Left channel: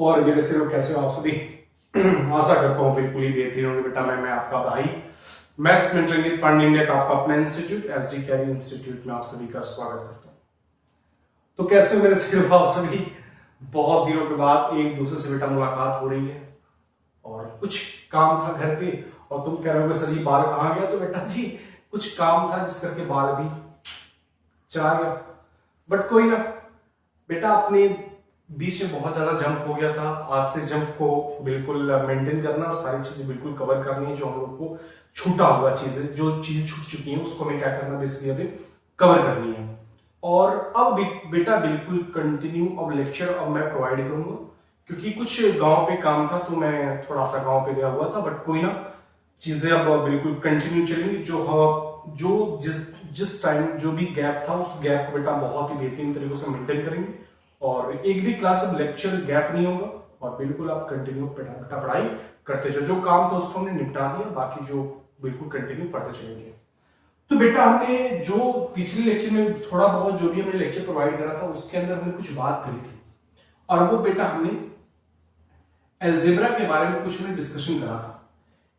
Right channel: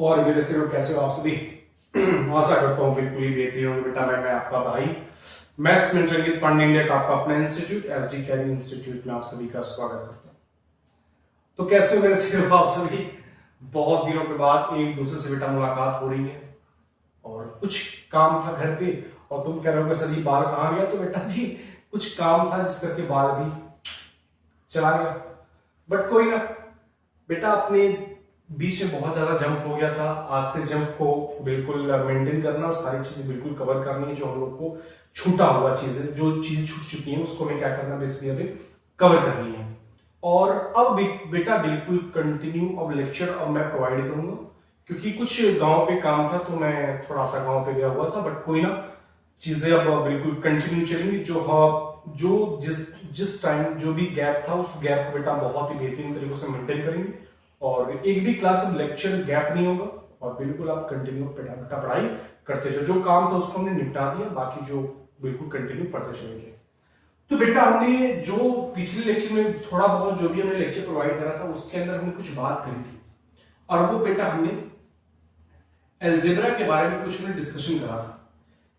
और मेरे सिर कैसे हो आप सभी। आशा करता हूँ बिल्कुल ही बेहतरीन होंगे बेटा। मैं आपका भाई मैथ्स में रंजित पांडे इंडिया का आपका अपना इंस्टीट्यूट एसडी कैरी इंस्टीट्यूट में आप सभी का स्वागत करता हूँ। तो कैसे हो मेरे सिर आप सभी। बहुत दिनों के बाद एक दूसरे से बेटा मुलाकात हो रही है और कुछ काम था घर पे और तुम कह रहे हो सर जी बाल कहाँ गया। तो बेटा जी कुछ काम था जिस करके बाल भी चला गया, बट कोई ना बेटा। अपने बीच में बहुत ज्यादा जंप हो गया था। आज से जंप को बिल्कुल मेंटेन करना और सारी चीजें बिल्कुल कवर करनी है। जो हम लोग को छूटा हुआ चीजें, जो चीजें छूट चुकी हैं उसको हमें क्या करना बेसिकली अभी कवर करनी है। और अब बेटा बिल्कुल कंटिन्यू अब लेक्चर अब मैं प्रोवाइड करूंगा, क्योंकि कुछ गांव पे काम था तो मैं थोड़ा सा गांव पे गया हुआ था। बट कोई ना, चीजें अब बिल्कुल कंटिन्यू चलेंगी। जो जिस टाइम जो भी गैप था उस गैप को बेटा बहुत ही बेहतरीन तरीके से मेंटेन करेंगे और एक भी क्लास में लेक्चर गैप नहीं होगा और बिल्कुल आप कंटिन्यू बेटा पढ़ाई करते जाओ। जो काम था उसको हमने निपटा दिया, बाकी जो बिल्कुल कंटिन्यू पढ़ते चलेंगे। तो बेटा हमने जो पिछले लेक्चर में थोड़ा बहुत जो भी हमने लेक्चर प्रोवाइड करा था उसके अंदर हमने कुछ बात करी थी और वो बेटा हमने अलजेब्रा के बारे में कुछ हमने डिस्कशन करा था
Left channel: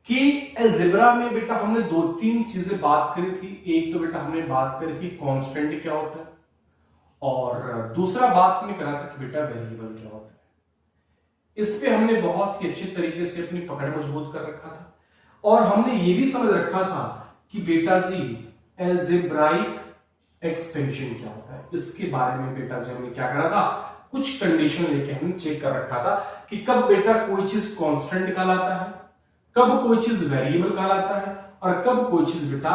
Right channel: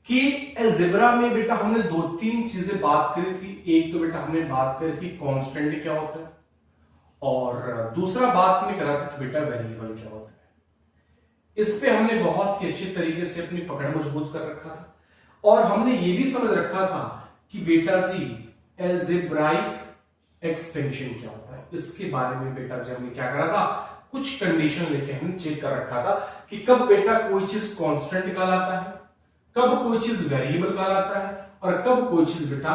कि अलजेब्रा में बेटा हमने दो तीन चीजें बात करी थी। एक तो बेटा हमने बात करी थी कांस्टेंट क्या होता है और दूसरा बात हमने करा था कि बेटा वेरिएबल क्या होता है। इस पे हमने बहुत ही अच्छे तरीके से अपनी पकड़ मजबूत कर रखा था और हमने ये भी समझ रखा था कि बेटा जी अलजेब्राइक एक्सपेंशन क्या होता है। इसके बारे में बेटा जी हमने क्या करा था, कुछ कंडीशन लेके हमने चेक कर रखा था कि कब बेटा कोई चीज कांस्टेंट कहलाता है, कब कोई चीज वेरिएबल कहलाता है और कब कोई चीज बेटा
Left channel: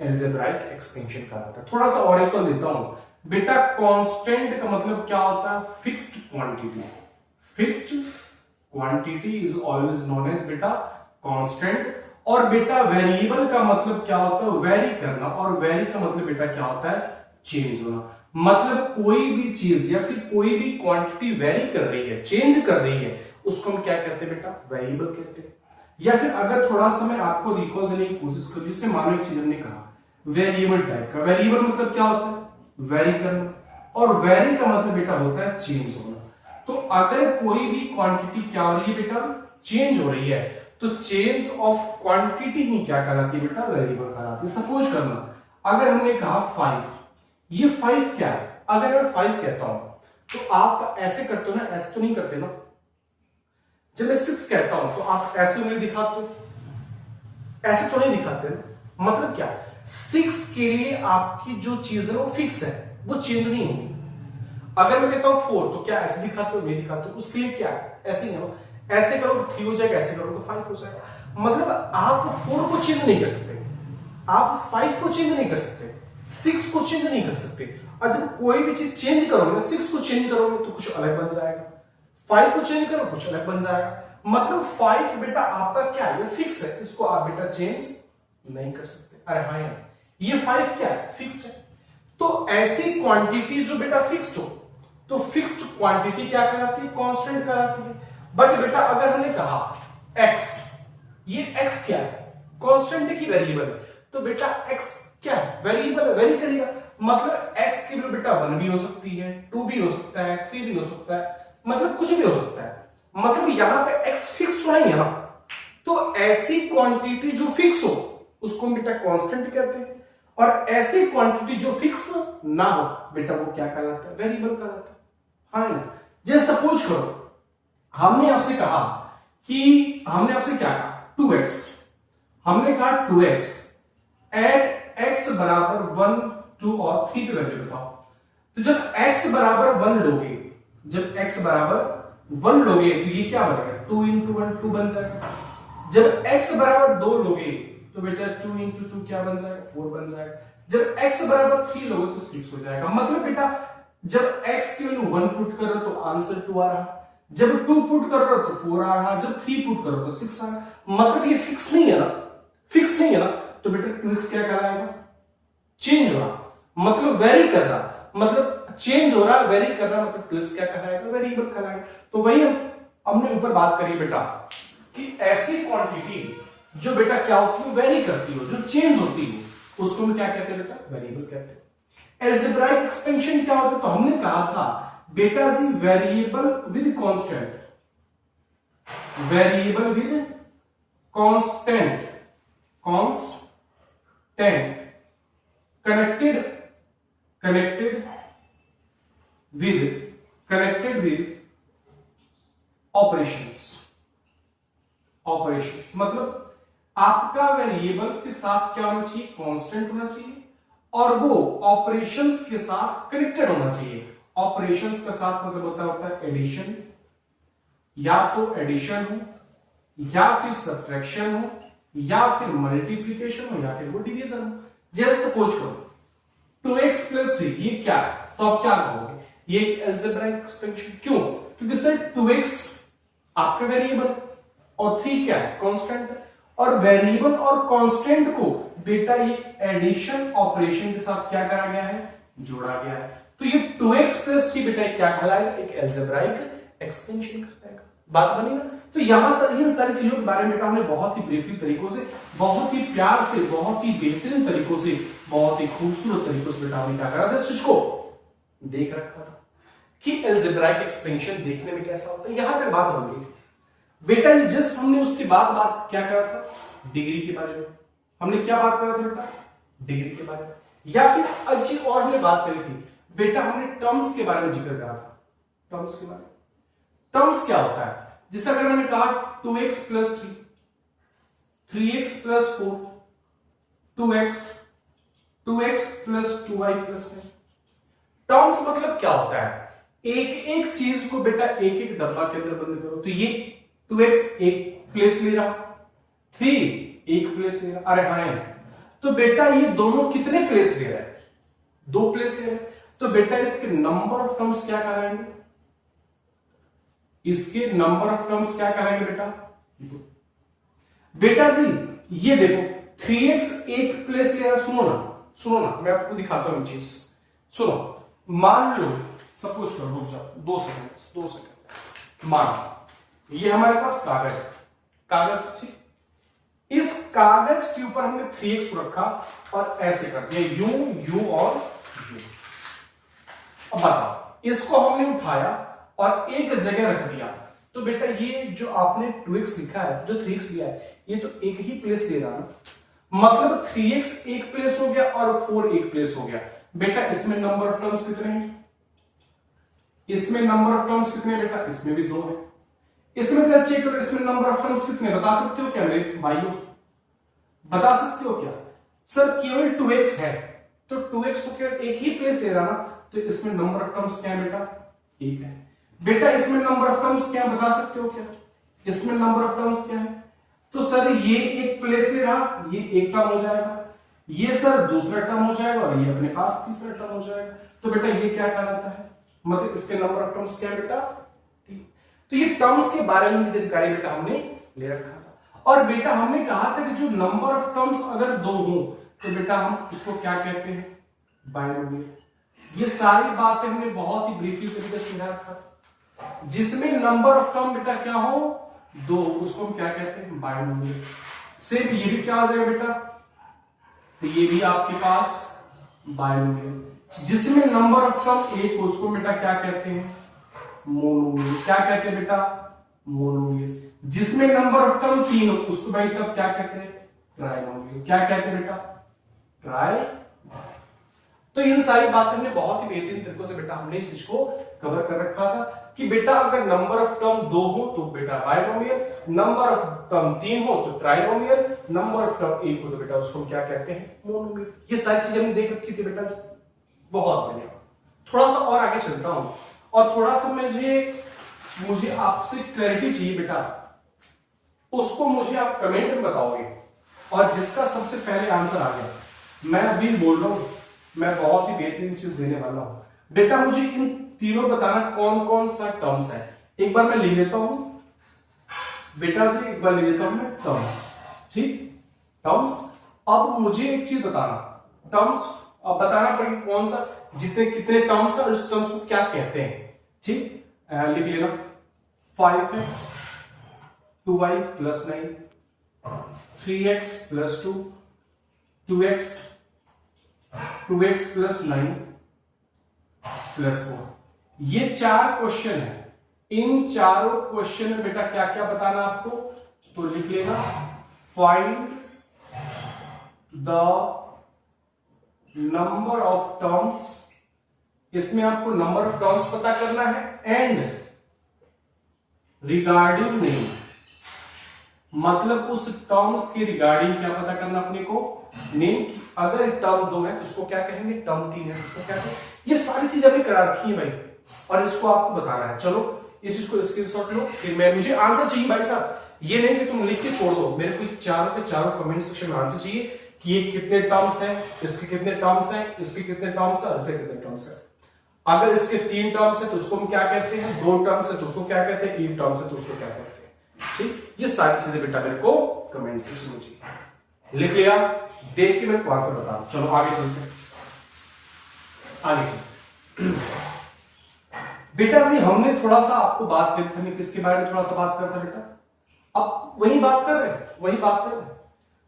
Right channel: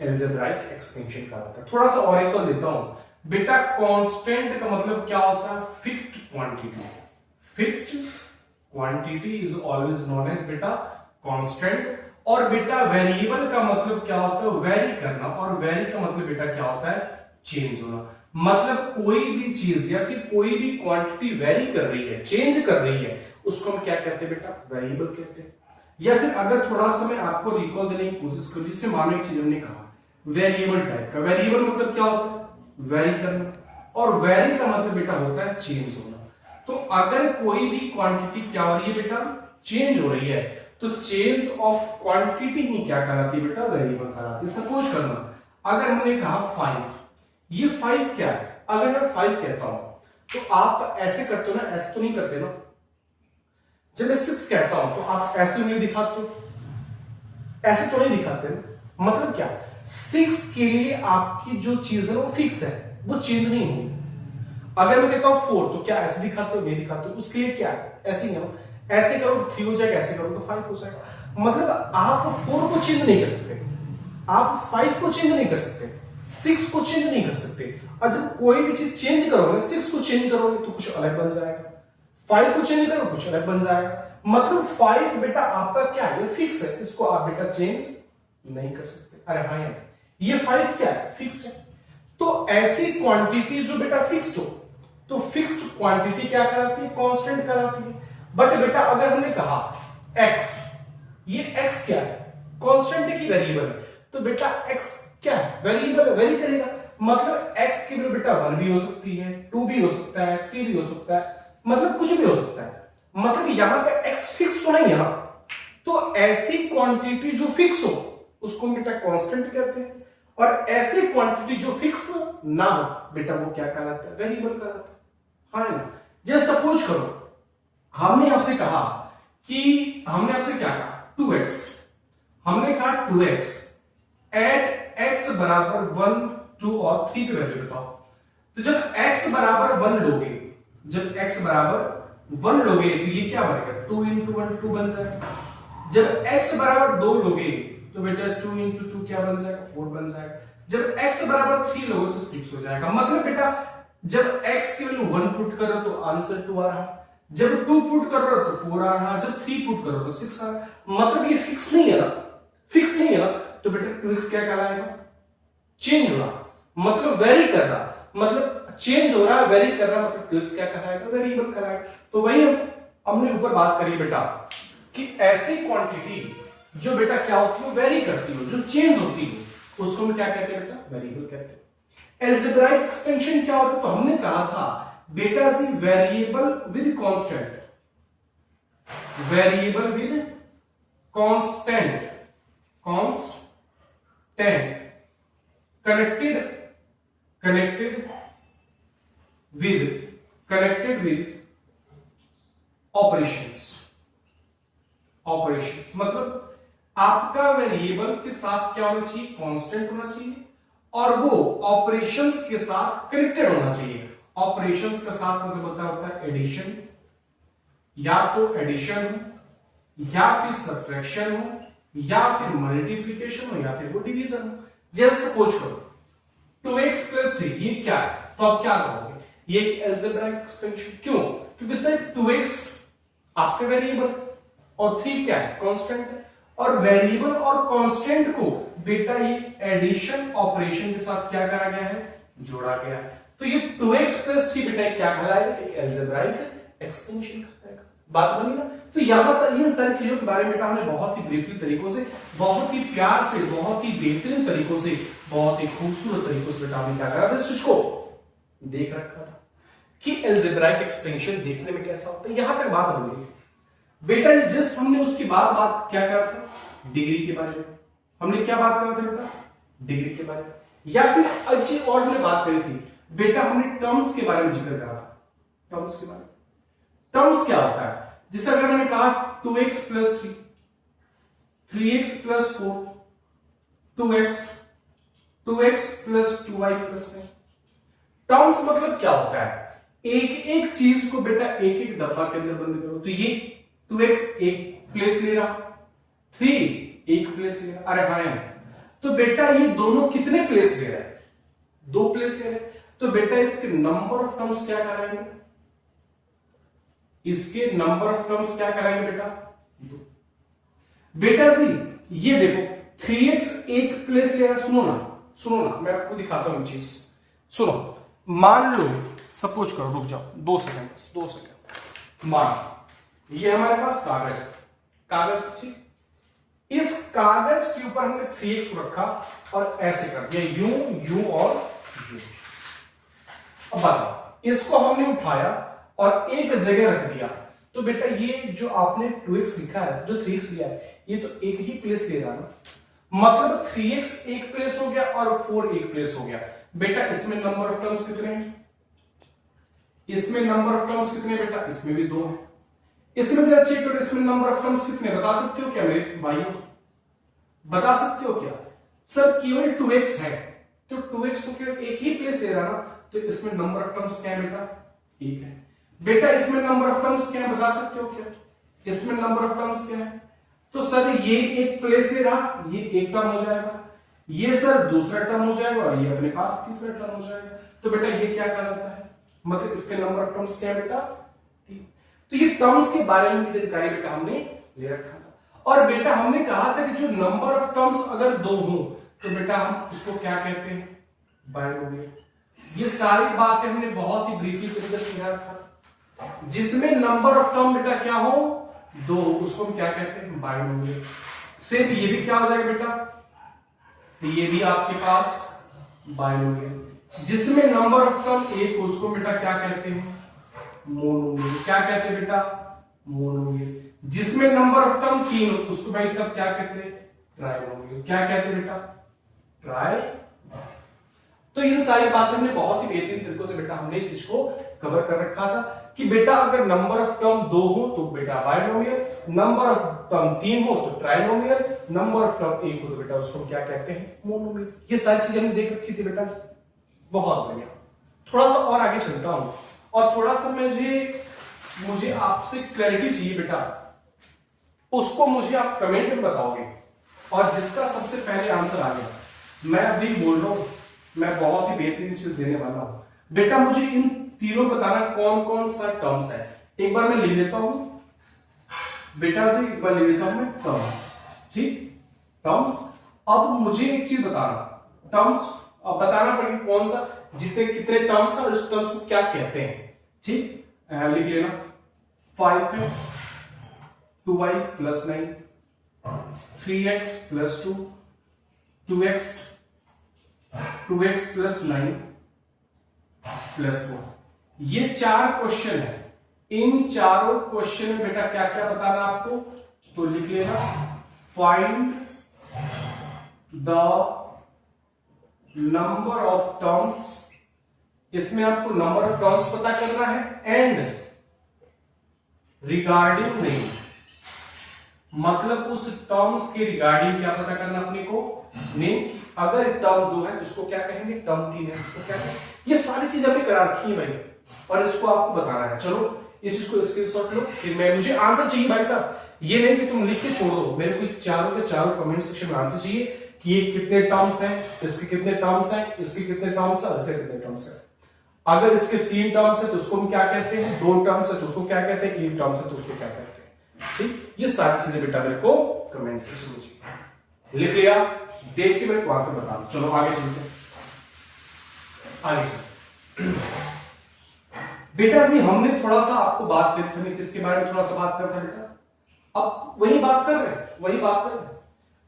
अलजेब्राइक एक्सपेंशन कहलाता है। थोड़ा सा ऑरेकल देता हूं बेटा। कांस्टेंट का मतलब क्या होता है, fixed quantity. Fixed quantity is always known as बेटा कांस्टेंट। और बेटा वेरिएबल का मतलब क्या होता है, वेरी करना। और वेरी का मतलब बेटा क्या होता है, चेंज होना। मतलब कोई भी चीज या फिर कोई भी क्वांटिटी वेरी कर रही है, चेंज कर रही है, उसको हम क्या कहते हैं बेटा, वेरिएबल कहते हैं। या फिर अगर थोड़ा सा मैं आपको रिकॉल देने की कोशिश करूं, जैसे मानो एक चीज हमने कहा वेरिएबल टाइप का। वेरिएबल मतलब क्या होता है, वेरी करना। और वेरी का मतलब बेटा होता है चेंज होना। तो अगर कोई भी क्वांटिटी क्या हो रही है बेटा, चेंज हो रही है, तो चेंज ऑफ क्वांटिटी ही क्या कहलाती है बेटा, वेरिएबल कहलाती है। सपोज करना अगर हमने कहा 5, ये 5 क्या है। अगर मैं 5 कहता हूं तो आप ऐसे करते हो ना, ऐसे तो नहीं करते ना। जब मैं 6 कहता हूं तो आप ऐसे उंगली दिखाते हो, ऐसे तो नहीं दिखाते ना। मतलब क्या, 6 के लिए आपकी जो चीज है वो फिक्स है, वो चेंज नहीं होगी। अगर मैं कहता हूं 4 तो क्या ऐसे दिखाते हो, नहीं दिखाते हो। उसके लिए क्या है, ऐसे ही करो। ऐसे करो तो 3 हो जाएगा, ऐसे करो तो 5 हो जाएगा। मतलब आप 4 को चेंज नहीं कर सकते, आप 5 को चेंज नहीं कर सकते, 6 को चेंज नहीं कर सकते। और जब कोई भी चीज चेंज करोगे, 6 को चेंज करोगे तो कुछ अलग बन जाएगा, 5 को चेंज करो कुछ अलग बन जाएगा। मतलब 5 बेटा आपका क्या है, ये फिक्स है, इसको आप बेटा चेंज नहीं कर सकते। अरे हाँ यार, ये 5 क्या है, फिक्स है। तो ऐसी क्वांटिटी जो बेटा फिक्स्ड हो, तो फिक्स्ड क्वांटिटी क्या कहलाती है, कांस्टेंट कहलाती है। बट बेटा अगर हमने कहा x, ये x क्या है, कांस्टेंट है कि वेरिएबल है। तो बेटा x क्या है, वेरिएबल है, वेरी करेगा। मतलब x की वैल्यू बेटा 1 भी हो सकती है, 2 भी हो सकता है, 3 भी हो सकता है, मतलब कुछ भी हो सकता है। मतलब यहां पे x फिक्स तो नहीं है ना। तो ऐसी क्वांटिटी जो फिक्स हो उसको बेटा कांस्टेंट कहते हैं और ऐसी क्वांटिटी जो फिक्स ना हो बेटा वो क्या कहलाता है, वेरिएबल कहलाता है। हाँ ना। जैसे सपोज करो हमने आपसे कहा कि हमने आपसे क्या कहा, 2x। हमने कहा 2x एट x बराबर 1, 2 और 3 पे वैल्यू बताओ। तो जब x बराबर 1 लोगे, जब x बराबर 1 लोगे तो ये क्या बनेगा, 2 इंटू 1 2 बन जाएगा। जब x बराबर 2 लोगे तो बेटा 2 इंटू 2 क्या बन जाएगा, 4 बन जाएगा। जब x बराबर 3 लोगे तो 6 हो जाएगा। मतलब बेटा जब x की वैल्यू 1 पुट कर रहे हो तो आंसर 2 आ रहा, जब 2 पुट कर रहे हो तो 4 आ रहा, जब 3 पुट कर रहे हो तो 6 आ रहा। मतलब ये फिक्स नहीं है ना, फिक्स नहीं है ना। तो बेटा 2x क्या कहलाएगा, चेंज हो रहा, मतलब वेरी कर रहा, मतलब चेंज हो रहा, वेरी कर रहा, मतलब 2x क्या कहलाएगा, वेरिएबल कहलाएगा। तो वही हमने ऊपर बात करी बेटा कि ऐसी क्वांटिटी जो बेटा क्या होती है, वेरी करती हो, जो चेंज होती हो, उसको हम क्या कहते हैं बेटा, वेरिएबल कहते हैं। अलजेब्राइक एक्सपेंशन क्या होता है, तो हमने कहा था बेटा जी variable with constant variable with constant connected with operations मतलब आपका वेरिएबल के साथ क्या होना चाहिए, कांस्टेंट होना चाहिए, और वो ऑपरेशंस के साथ कनेक्टेड होना चाहिए। ऑपरेशंस का साथ मतलब होता है एडिशन, या तो एडिशन हो, या फिर सब्ट्रैक्शन हो, या फिर मल्टीप्लीकेशन हो, या फिर वो डिवीजन हो। जैसे सपोज करो 2x + 3 ये क्या है, तो आप क्या कहोगे, ये एक अलजेब्राइक एक्सपेंशन। क्यों? क्योंकि सर 2x आपके वेरिएबल और 3 क्या है, कांस्टेंट है, और वेरिएबल और कांस्टेंट को बेटा ये एडिशन ऑपरेशन के साथ क्या करा गया है, जोड़ा गया है। तो ये 2x + 3 बेटा क्या कहलाएगा, एक अलजेब्राइक एक्सपेंशन कहलाएगा। बात बनी ना? तो यहां से इन सारी चीजों के बारे में हमने बहुत ही ब्रीफली तरीकों से, बहुत ही प्यार से, बहुत ही बेहतरीन तरीकों से, बहुत ही खूबसूरत तरीकों से बेटा हमने क्या करा था, इसको देख रखा था कि अलजेब्राइक एक्सपेंशन देखने में कैसा होता है। यहां तक बात हो गई बेटा। जस्ट हमने उसके बाद बात क्या करा था, डिग्री के बारे में। हमने क्या बात करा था बेटा, डिग्री के बारे में। या फिर अच्छी और हमने बात करी थी बेटा, हमने टर्म्स के बारे में जिक्र करा था। टर्म्स के बारे में, टर्म्स क्या होता है, जैसे अगर हमने कहा 2x + 3, 3x + 4, 2x + 2y + 9। Terms मतलब क्या होता है, एक एक चीज को बेटा एक एक डब्बा के अंदर बंद करो। तो ये 2x एक प्लेस ले रहा, 3 एक प्लेस ले रहा, अरे हाँ, तो बेटा ये दोनों कितने प्लेस ले रहा है, 2 प्लेस ले रहे हैं। तो बेटा इसके नंबर ऑफ टर्म्स क्या कहलाएंगे, इसके नंबर ऑफ टर्म्स क्या कहलाएंगे बेटा, 2। बेटा जी ये देखो 3x एक प्लेस ले रहा है। सुनो ना मैं आपको दिखाता हूं चीज, सुनो। मान लो, सपोज करो, रुक जाओ 2 सेकंड। मान ये हमारे पास कागज, ठीक। इस कागज के ऊपर हमने 3x को रखा और ऐसे कर दिया, यू और यू। अब बताओ, इसको हमने उठाया और एक जगह रख दिया, तो बेटा ये जो आपने 2x लिखा है, जो 3x लिया है, ये तो एक ही प्लेस ले रहा ना, मतलब 3x एक प्लेस हो गया और 4 एक प्लेस हो गया। बेटा इसमें नंबर ऑफ टर्म्स कितने हैं, इसमें नंबर ऑफ टर्म्स कितने बेटा, इसमें भी 2 है। इसमें जरा चेक करो, इसमें नंबर ऑफ टर्म्स कितने, बता सकते हो क्या मेरे भाइयों, बता सकते हो क्या? सर केवल 2x है, तो 2x को केवल एक ही प्लेस ले रहा ना, तो इसमें नंबर ऑफ टर्म्स क्या है बेटा, 1 है। बेटा इसमें नंबर ऑफ टर्म्स क्या है, बता सकते हो क्या, इसमें नंबर ऑफ टर्म्स क्या है? तो सर ये एक प्लेस ले रहा, ये एक टर्म हो जाएगा, ये सर दूसरा टर्म हो जाएगा, और ये अपने पास तीसरा टर्म हो जाएगा। तो बेटा ये क्या कहलाता है, मतलब इसके नंबर ऑफ टर्म्स क्या है बेटा, 3। तो ये टर्म्स के बारे में भी जानकारी बेटा हमने ले रखा था। और बेटा हमने कहा था कि जो नंबर ऑफ टर्म्स अगर 2 हो तो बेटा हम इसको क्या कहते हैं, बाइनोमियल। ये सारी बातें हमने बहुत ही ब्रीफली तरीके से समझा रखा था। जिसमें नंबर ऑफ टर्म बेटा क्या हो, 2, उसको हम क्या कहते हैं, बाइनोमियल। सेम ये भी क्या हो जाएगा बेटा, तो ये भी आपके पास बाइनोमियल। जिसमें नंबर ऑफ टर्म 1 हो उसको बेटा क्या कहते हैं, मोनोमियल। क्या कहते हैं बेटा, मोनोमियल। जिसमें नंबर ऑफ टर्म 3 हो उसको भाई साहब क्या कहते हैं, ट्राइनोमियल। क्या कहते हैं बेटा, ट्राई। तो इन सारी बातें हमने बहुत ही बेहतरीन तरीकों से बेटा हमने इस चीज को कवर कर रखा था कि बेटा अगर नंबर ऑफ टर्म 2 हो तो बेटा बाइनोमियल, नंबर ऑफ टर्म 3 हो तो ट्राइनोमियल, नंबर ऑफ टर्म 1 हो तो बेटा उसको क्या कहते हैं, मोनोमियल। ये सारी चीजें हमने देख रखी थी बेटा, बहुत बढ़िया। थोड़ा सा और आगे चलता हूं और थोड़ा सा मुझे आपसे क्लैरिटी चाहिए बेटा, उसको मुझे आप कमेंट में बताओगे, और जिसका सबसे पहले आंसर आ गया, मैं अभी बोल रहा हूं, मैं बहुत ही बेहतरीन चीज देने वाला हूं बेटा। मुझे इन तीनों बताना कौन कौन सा टर्म्स है। एक बार मैं लिख लेता हूं बेटा जी, एक बार लिख लेता हूं मैं टर्म्स, ठीक, टर्म्स। अब मुझे एक चीज बताना, टर्म्स अब बताना पड़ेगा कौन सा, जितने कितने टर्म्स है, उस टर्म्स को क्या कहते हैं, ठीक। लिख लेना 5x 2y + 9, 3x + 2, 2x + 9 + 4। ये 4 क्वेश्चन है, इन चारों क्वेश्चन में बेटा क्या क्या बताना आपको, तो लिख लेना find the number of terms, इसमें आपको नंबर ऑफ टर्म्स पता करना है, एंड रिगार्डिंग नेम, मतलब उस टर्म्स के रिगार्डिंग क्या पता करना अपने को, नेम। अगर टर्म 2 है तो उसको क्या कहेंगे, टर्म 3 है तो उसको क्या कहेंगे, ये सारी चीज हमने करा रखी है भाई, और इसको आपको बताना है। चलो इस चीज को स्क्रीनशॉट लो, फिर मुझे आंसर चाहिए भाई साहब, ये नहीं कि तुम लिख के छोड़ दो, मेरे को चारों के चारों कमेंट सेक्शन में आंसर चाहिए कि ये कितने टर्म्स हैं, इसके कितने टर्म्स हैं, इसके कितने टर्म्स हैं, इसके कितने टर्म्स हैं। अगर इसके 3 टर्म्स है तो उसको हम क्या कहते हैं, 2 टर्म्स है तो उसको क्या कहते हैं, 1 टर्म्स है तो उसको क्या कहते हैं। ठीक, ये सारी चीजें बेटा मेरे को कमेंट सेक्शन में चाहिए। लिख लिया, देख के मेरे को आंसर बता दो। चलो आगे चलते हैं, आगे चलते बेटा जी। हमने थोड़ा सा आपको बात की थी, किसके बारे में थोड़ा सा बात कर था बेटा, अब वही बात कर रहे हैं, वही बात कर रहे हैं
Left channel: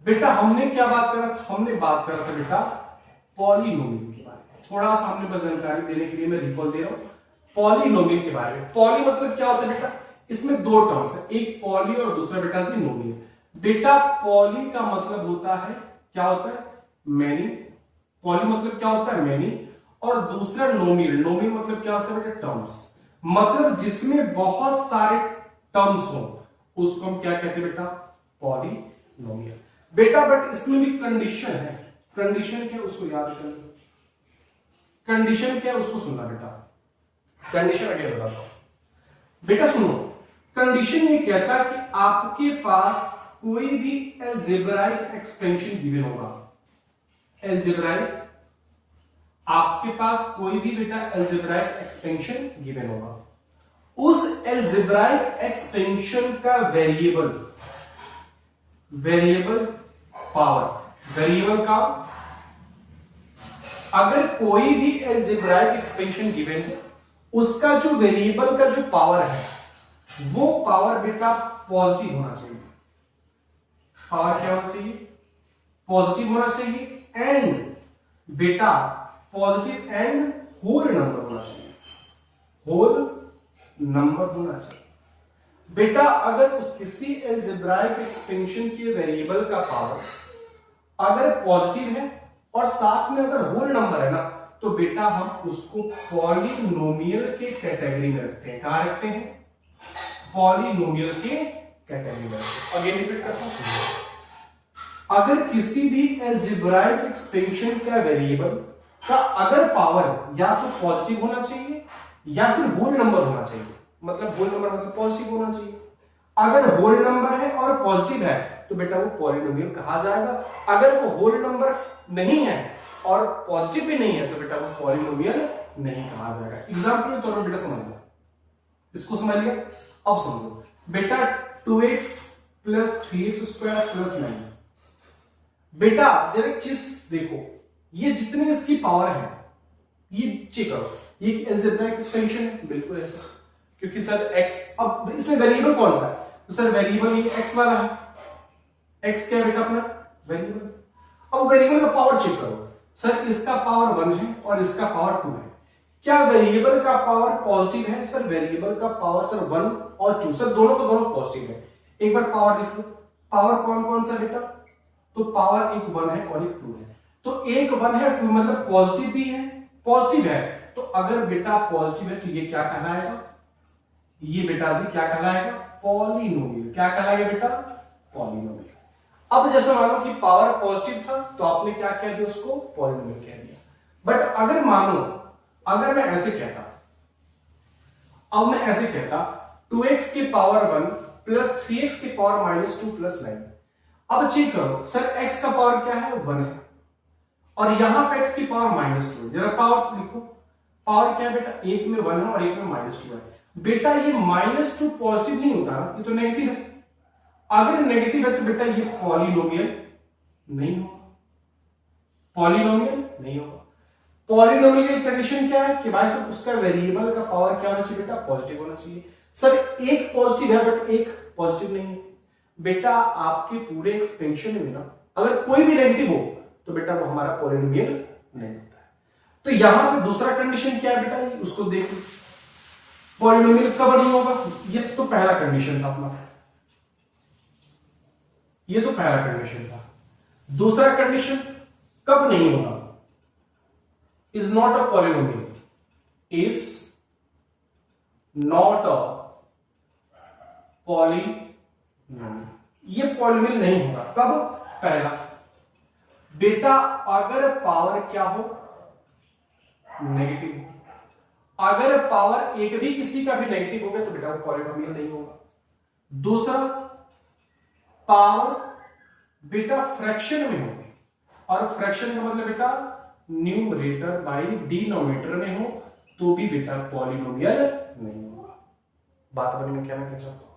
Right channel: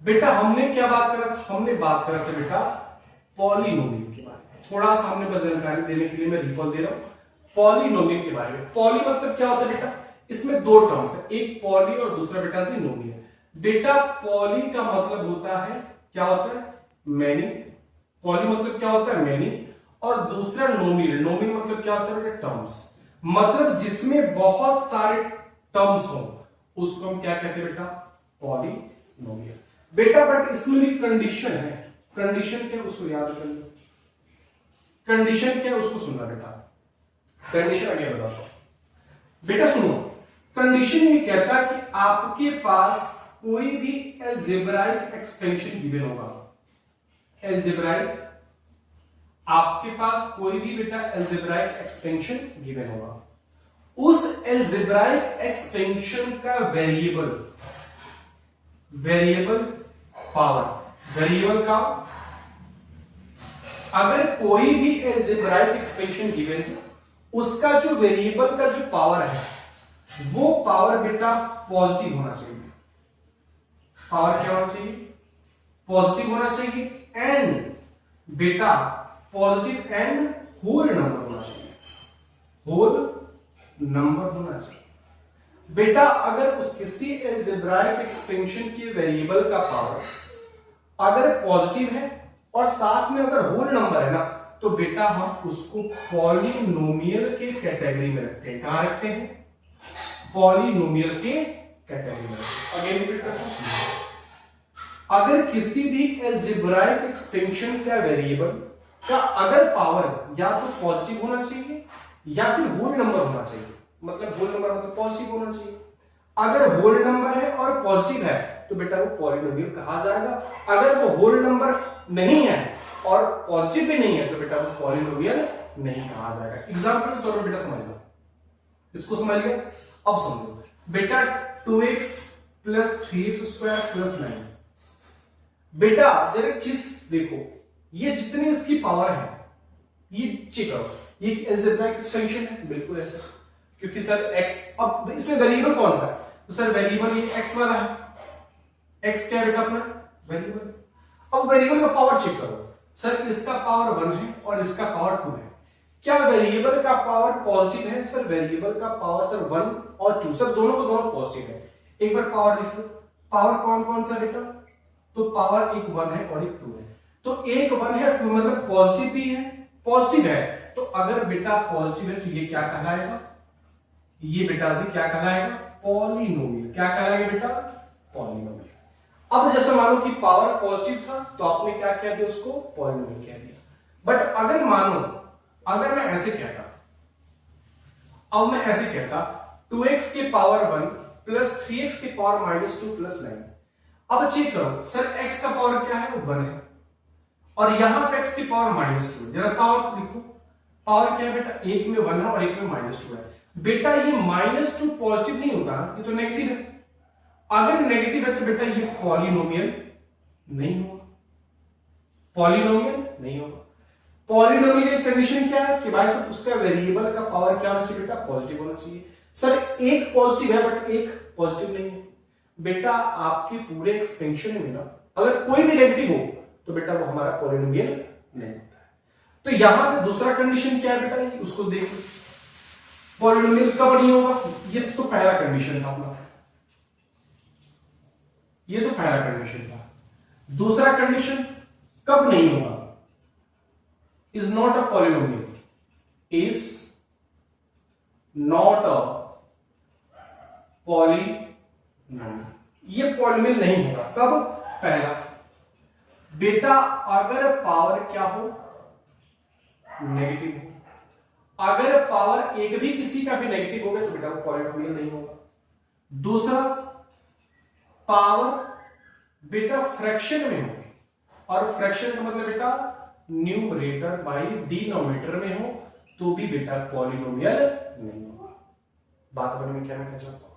बेटा। हमने क्या बात करा था, हमने बात करा था बेटा पॉलिनोमियल के बारे में। थोड़ा सा हमने बस जानकारी देने के लिए मैं रिकॉल दे रहा हूं पॉलिनोमियल के बारे में। पॉली मतलब क्या होता है बेटा, इसमें 2 टर्म्स है, एक पॉली और दूसरा बेटा जी नोमियल। बेटा पॉली का मतलब होता है, क्या होता है, मैनी। पॉली मतलब क्या होता है, मैनी। और दूसरा नोमियल, नोमियल मतलब क्या होता है बेटा, टर्म्स, मतलब जिसमें बहुत सारे टर्म्स हो उसको हम क्या कहते हैं बेटा, पॉलिनोमियल। बेटा बट इसमें भी कंडीशन है, कंडीशन क्या उसको याद कर लो, कंडीशन क्या उसको सुनना बेटा, कंडीशन आगे बताता हूं बेटा। सुनो, कंडीशन ये कहता है कि आपके पास कोई भी अलजेब्राइक एक्सपेंशन गिवन होगा, अलजेब्राइक, आपके पास कोई भी बेटा अलजेब्राइक एक्सपेंशन गिवन होगा, उस अलजेब्राइक एक्सपेंशन का वेरिएबल, वेरिएबल पावर, वेरिएबल का, अगर कोई भी अलजेब्राइक एक्सपेंशन गिवन है उसका जो वेरिएबल का जो पावर है वो पावर बेटा पॉजिटिव होना चाहिए। पावर क्या होना चाहिए, पॉजिटिव होना चाहिए, एंड बेटा पॉजिटिव एंड होल नंबर होना चाहिए, होल नंबर होना चाहिए। बेटा अगर उस किसी अलजेब्राइक एक्सपेंशन के वेरिएबल का पावर अगर पॉजिटिव है और साथ में अगर होल नंबर है ना, तो बेटा हम उसको पॉलिनोमियल के कैटेगरी में रखते हैं। कहां रखते हैं, पॉलिनोमियल के कैटेगरी में। अगेन रिपीट करता हूं, अगर किसी भी अलजेब्राइक एक्सपेंशन का वेरिएबल का अगर पावर या तो पॉजिटिव होना चाहिए या फिर होल नंबर होना चाहिए, मतलब होल नंबर मतलब पॉजिटिव होना चाहिए। अगर होल नंबर है और पॉजिटिव है तो बेटा वो पॉलिनोमियल कहा जाएगा। अगर वो होल नंबर नहीं है और पॉजिटिव भी नहीं है तो बेटा वो पॉलिनोमियल नहीं कहा जाएगा। एग्जांपल के तौर पर बेटा समझ लो, इसको समझ लिया। अब समझो बेटा 2x plus 3x square plus 9। बेटा जरा एक चीज देखो, ये जितनी इसकी पावर है ये चेक करो, ये अलजेब्राइक एक्सपेंशन है, बिल्कुल ऐसा, क्योंकि सर x, अब इसमें वेरिएबल कौन सा है, तो सर वेरिएबल ये x वाला है, x क्या है बेटा अपना वेरिएबल। अब वेरिएबल का पावर चेक करो, सर इसका पावर 1 है और इसका पावर 2 है, क्या वेरिएबल का पावर पॉजिटिव है, सर वेरिएबल का पावर सर 1 और 2, सर दोनों को दोनों पॉजिटिव है। एक बार पावर लिख लो, पावर कौन कौन सा बेटा, तो पावर एक 1 है और एक 2 है, तो एक 1 है 2 मतलब पॉजिटिव भी है, पॉजिटिव है, तो अगर बेटा पॉजिटिव है तो ये क्या कहलाएगा, ये बेटा जी क्या कहलाएगा, पॉलिनोमियल। क्या कहलाएगा बेटा, पॉलिनोमियल। अब जैसे मानो कि पावर पॉजिटिव था तो आपने क्या कह दिया, उसको पॉलिनोमियल कह दिया। बट अगर मानो, अगर मैं ऐसे कहता, अब मैं ऐसे कहता 2x की पावर 1 प्लस 3x की पावर माइनस 2 प्लस 9। अब चेक करो, सर x का पावर क्या है, 1 है, और यहां पे x की पावर माइनस 2 है। जरा पावर लिखो, पावर क्या है बेटा, एक में 1 है और एक में माइनस 2 है। बेटा ये माइनस 2 पॉजिटिव नहीं होता ना, ये तो नेगेटिव है। अगर नेगेटिव है तो बेटा ये पॉलिनोमियल नहीं होगा, पॉलिनोमियल नहीं होगा। पॉलिनोमियल की कंडीशन क्या है कि भाई साहब उसका वेरिएबल का पावर क्या होना चाहिए बेटा, पॉजिटिव होना चाहिए। सर एक पॉजिटिव है बट एक पॉजिटिव नहीं है। बेटा आपके पूरे एक्सपेंशन में ना अगर कोई भी नेगेटिव हो तो बेटा वो हमारा पॉलिनोमियल नहीं होता है। तो यहां पे दूसरा कंडीशन क्या है बेटा, उसको देखो। पॉलिनोमियल कब नहीं होगा, ये तो पहला कंडीशन था अपना, ये तो पहला कंडीशन था। दूसरा कंडीशन कब नहीं होगा, is not a polynomial, is not a polynomial, ये पॉलिनोमियल नहीं होगा कब, पहला, बेटा अगर पावर क्या हो, नेगेटिव हो, अगर पावर एक भी किसी का भी नेगेटिव हो गया तो बेटा वो पॉलिनोमियल नहीं होगा। दूसरा, पावर बेटा फ्रैक्शन में हो, और फ्रैक्शन का मतलब बेटा न्यूमरेटर बाई डिनोमिनेटर में हो तो भी बेटा पॉलिनोमियल नहीं होगा। बात समझ में क्या मैं कह चाहता हूं,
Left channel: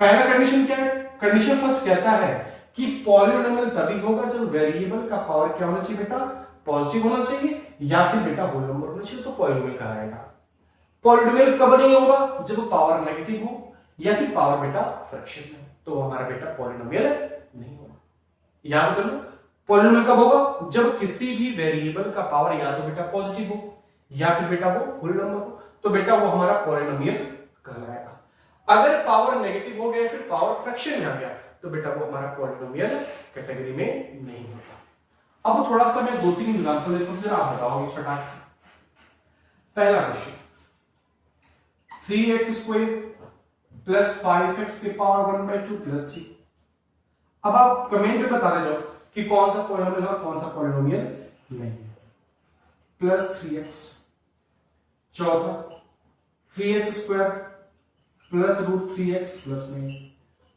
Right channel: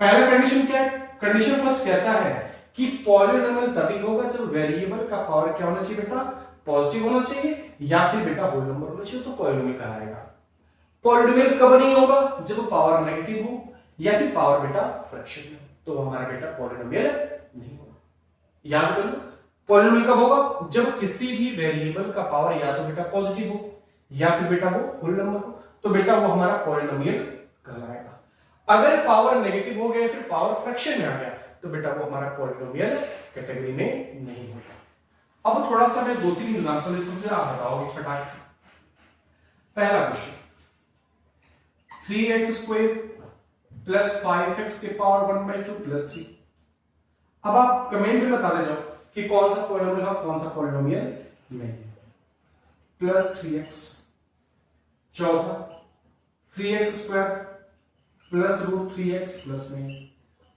पहला कंडीशन क्या है, कंडीशन फर्स्ट कहता है कि पॉलिनोमियल तभी होगा जब वेरिएबल का पावर क्या होना चाहिए बेटा, पॉजिटिव होना चाहिए या फिर बेटा होल नंबर होना चाहिए, तो पॉलिनोमियल कहलाएगा। पॉलिनोमियल कब नहीं होगा, जब पावर नेगेटिव हो या फिर पावर बेटा फ्रैक्शन में, तो हमारा बेटा पॉलिनोमियल नहीं होगा। याद कर लो, पॉलिनोमियल कब होगा, जब किसी भी वेरिएबल का पावर या तो बेटा पॉजिटिव हो या फिर बेटा वो होल नंबर हो, तो बेटा वो हमारा पॉलिनोमियल कहलाएगा। अगर पावर नेगेटिव हो गया फिर पावर फ्रैक्शन में आ गया तो बेटा वो हमारा पॉलिनोमियल कैटेगरी में नहीं होता। अब थोड़ा सा मैं 2-3 एग्जांपल लेता हूं, जरा आप बताओगे फटाक से। पहला क्वेश्चन, 3x² प्लस 5x के पावर 1/2 प्लस 3। अब आप कमेंट में बता दे जाओ कि कौन सा पॉलिनोमियल है कौन सा पॉलिनोमियल नहीं। प्लस 3x, चौथा 3x² प्लस √3x प्लस 9।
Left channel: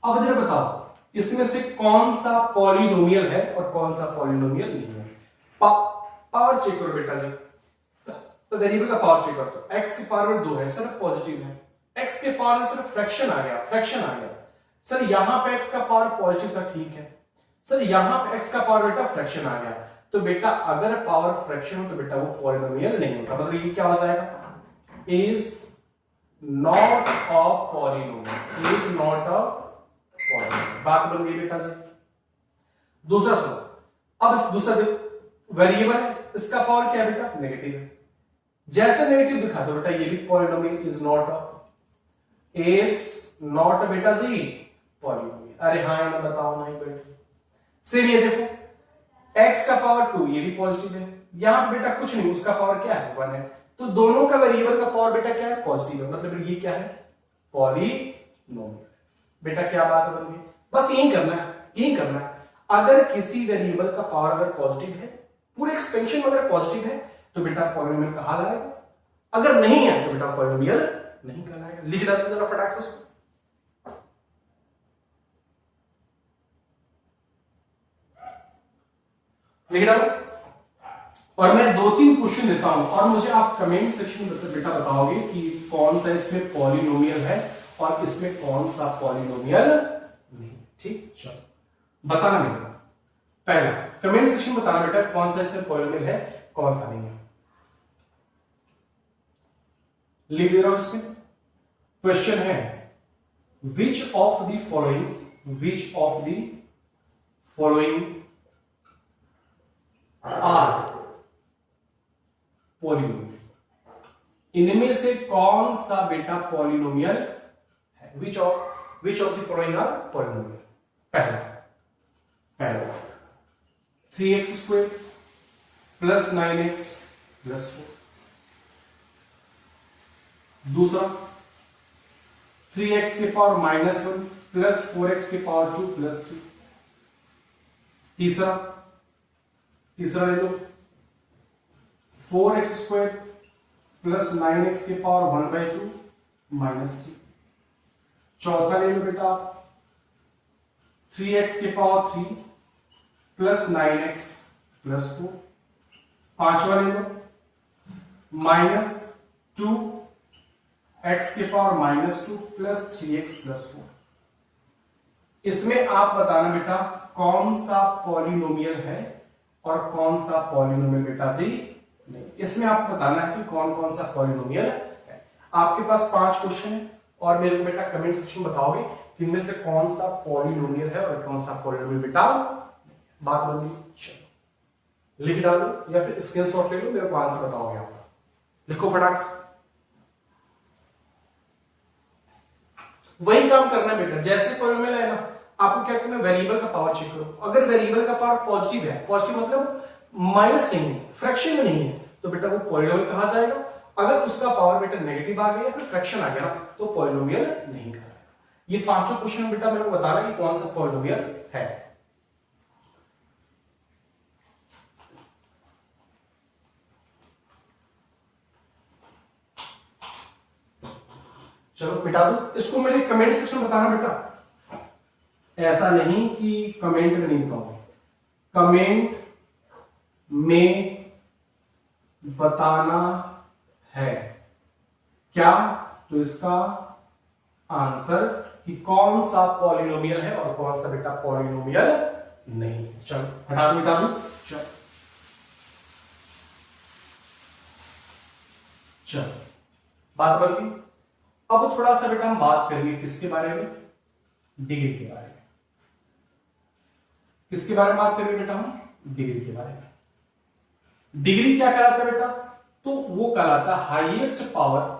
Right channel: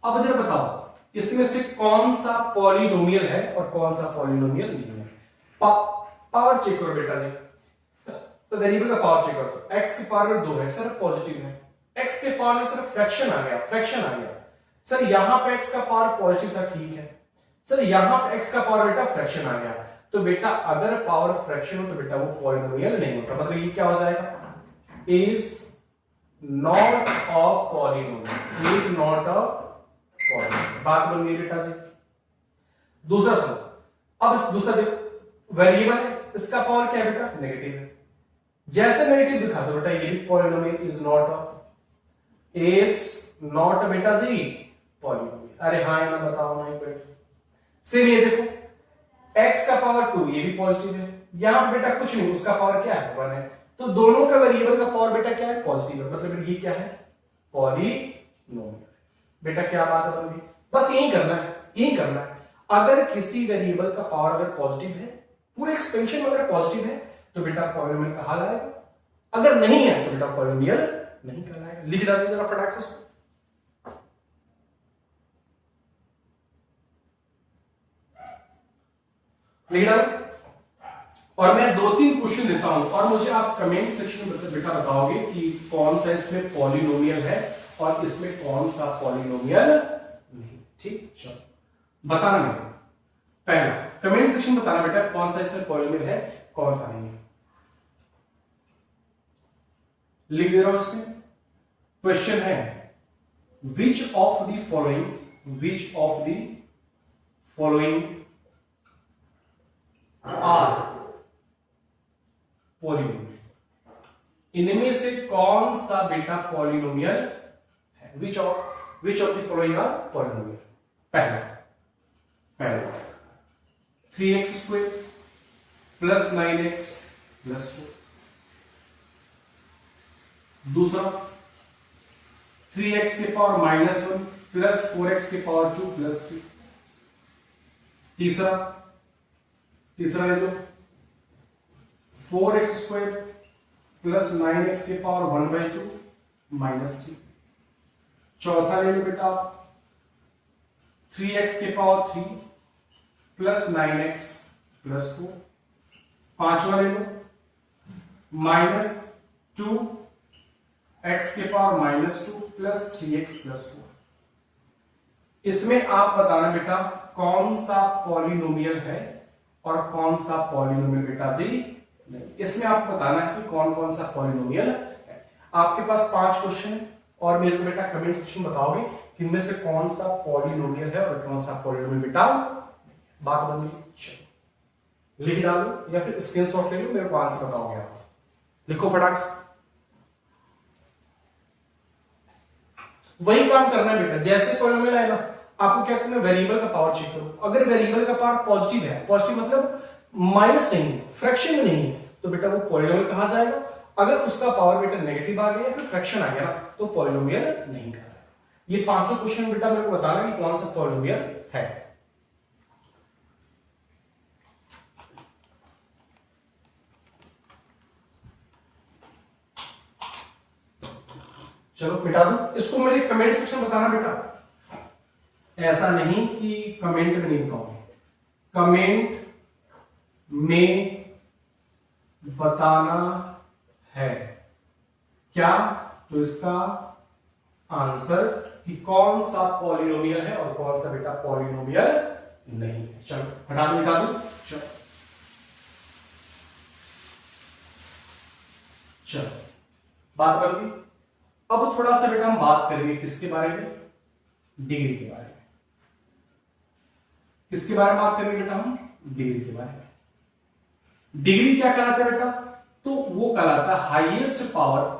अब जरा बताओ इसमें से कौन सा पॉलिनोमियल है और कौन सा पॉलिनोमियल नहीं है। पावर चेक करो बेटा जी, तो वेरिएबल का पावर चेक करो, तो x की पावर 2 है, सिर्फ पॉजिटिव है, x के पावर में सिर्फ फ्रैक्शन आ गया, फ्रैक्शन आ गया। सर यहां पे x का पावर पॉजिटिव था, ठीक है, सर यहां पे x का पावर बेटा फ्रैक्शन आ गया, तो बेटा अगर पावर फ्रैक्शन हो तो बेटा वो पॉलिनोमियल नहीं होता, मतलब ये क्या हो जाएगा, is not a polynomial, is not a polynomial. बात बन गई बेटा जी। दूसरा सुनो, अब इस दूसरा वेरिएबल है, इसका पावर क्या है बेटा, नेगेटिव है, जैसे नेगेटिव दिखा दो बेटा ये भी पॉलिनोमियल, इज नॉट बेटा जी पॉलिनोमियल। अरे हाँ या ना बताओ, नहीं बेटा। सेम ये देखो, x का पावर 2 ये भी पॉजिटिव है, यहां बेटा कुछ नहीं, उसका पावर क्या है 1 है, तो दोनों का वेरिएबल का पावर बेटा क्या है, पॉजिटिव है, मतलब ये क्या है, पॉलिनोमियल। बेटा क्या बात है बन, बस यही करना है, यही करना है। अगर किसी वेरिएबल का पावर अगर पॉजिटिव है, पूरे एक्सपेंशन में अगर पॉजिटिव है तो बेटा पॉलिनोमियल कहा जाएगा, अगर नहीं है तो बेटा पॉलिनोमियल नहीं कहलाएगा। लिख डालो जरा फटाक से इसको, लिख डालो। और मैं 2-3 क्वेश्चन देता हूं और मुझे आप कमेंट सेक्शन में बेटा बताओगे कि कौन सा इसमें पॉलिनोमियल है और इसमें कौन सा पॉलिनोमियल नहीं। ठीक, चलो बताना नहीं, पहला कमेंट सेक्शन में बताना बेटा कौन सा इसमें पॉलिनोमियल है कौन सा नहीं है। लिख दे रहा हूं इसमें, क्वेश्चन है which of the following are polynomial, इनमें से कौन सा बेटा पॉलिनोमियल है, which of the following are polynomial. पहला 3x² प्लस 9x प्लस 4। दूसरा 3x के पावर -1 प्लस 4x के पावर 2 प्लस 3। तीसरा ले लो 4x² प्लस 9x के पावर 1/2 -3। चौथा ले लो बेटा 3x के पावर 3 प्लस 9x प्लस 4। पांचवा ले लो -2 x के पावर -2 प्लस 3x प्लस 4। इसमें आप बताना बेटा कौन सा पॉलिनोमियल है और कौन सा पॉलिनोमियल बेटा जी नहीं। इसमें आप बताना है कि कौन कौन सा पॉलिनोमियल है। आपके पास 5 क्वेश्चन है और मेरे को बेटा कमेंट सेक्शन बताओगे कि इनमें से कौन सा पॉलिनोमियल है और कौन सा पॉलिनोमियल बेटा। बात बन गई, लिख डालो या फिर स्क्रीनशॉट ले लो, मेरे को आंसर बताओगे आप। लिखो फटाक से। वही काम करना है बेटा, जैसे पॉलिनोमियल है ना, आपको क्या करना है, वेरिएबल का पावर चेक करो। अगर वेरिएबल का पावर पॉजिटिव है, पॉजिटिव मतलब माइनस नहीं है, फ्रैक्शन में नहीं है, तो बेटा वो पॉलिनोमियल कहा जाएगा। अगर उसका पावर बेटा नेगेटिव आ गया या फिर फ्रैक्शन आ गया तो पॉलिनोमियल नहीं कहलाएगा। ये पांचों क्वेश्चन बेटा मेरे को बताना कि कौन सा पॉलिनोमियल है। चलो मिटा दो इसको, मेरे कमेंट सेक्शन बताना बेटा, ऐसा नहीं कि कमेंट में नहीं बताऊंगा, कमेंट में बताना है क्या, तो इसका आंसर कि कौन सा पॉलिनोमियल है और कौन सा बेटा पॉलिनोमियल नहीं है। चलो हटा दो, मिटा दो। चलो चलो बात बन गई। अब थोड़ा सा बेटा हम बात करेंगे किसके बारे में, डिग्री के बारे में। किसके बारे में बात करेंगे बेटा हम, डिग्री के बारे में। डिग्री क्या कहलाता है बेटा, तो वो कहलाता है highest power